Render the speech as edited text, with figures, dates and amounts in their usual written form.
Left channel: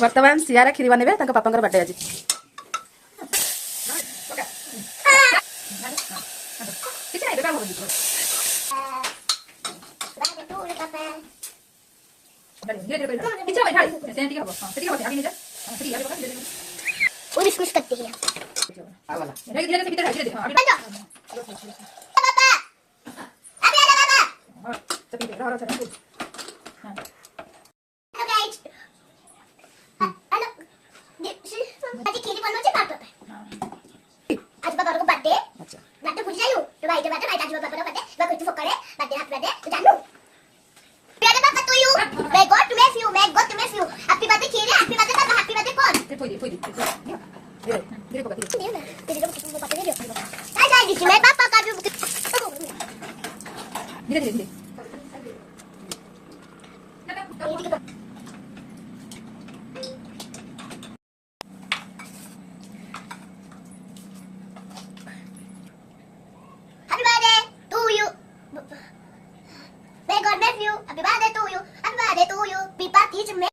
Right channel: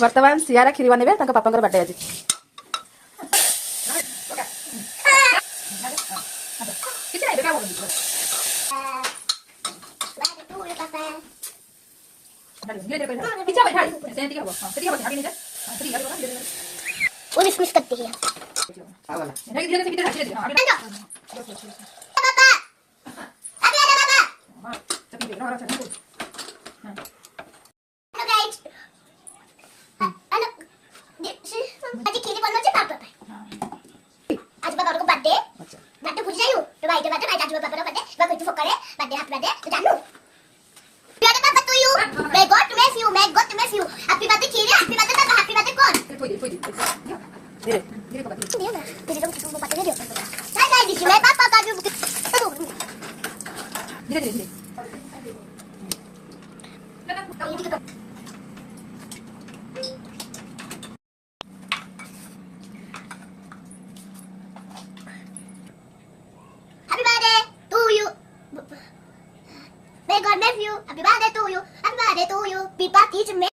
वर्तमान सियारा खीरी बनेबे तांको पापांकर बर्थडे आज वो डिस्मिस करते हैं God bless you. Happy birthday to you. Happy birthday to you. Happy birthday to you.